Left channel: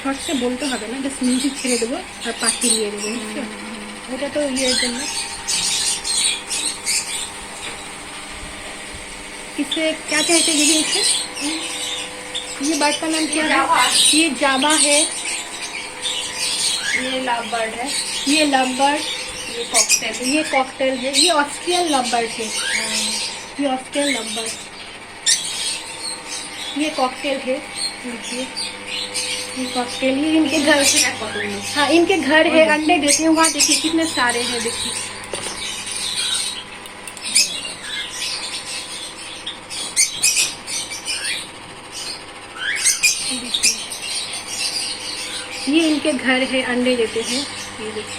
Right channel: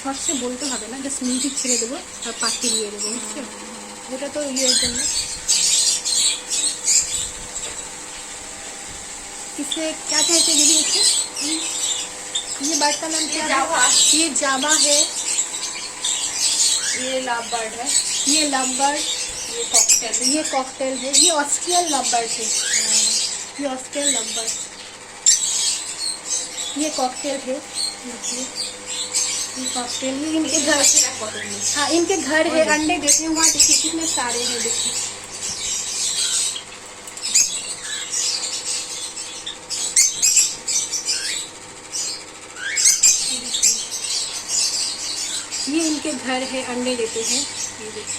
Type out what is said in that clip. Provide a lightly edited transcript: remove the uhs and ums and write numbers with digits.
Short से বলতে হবে না, জাস্ট মিউজিক ছেড়ে দেবো আর পাখি দিয়ে দেবো, বুঝছো? ওটা তো ইয়ের জন্য। इससे क्या कहते हैं दीदी इसे? ये बर्ड का नाम क्या है? ये जावा है, ये लव बर्ड है, ये लव बर्ड, ये कॉकटेल, ये कॉकटेल है, ये ऑस्ट्रियन लव बर्ड है, ये ऑस्ट्रियन लव बर्ड, ये कॉकटेल है, देखिए ये कॉकटेल। ये इनके घर, हाँ इनके घर है, अंडे देते हैं। वहाँ देखिए कितने सारे हैं, देखिए ये इनके घर है, अंडे देते हैं, ये देखिए।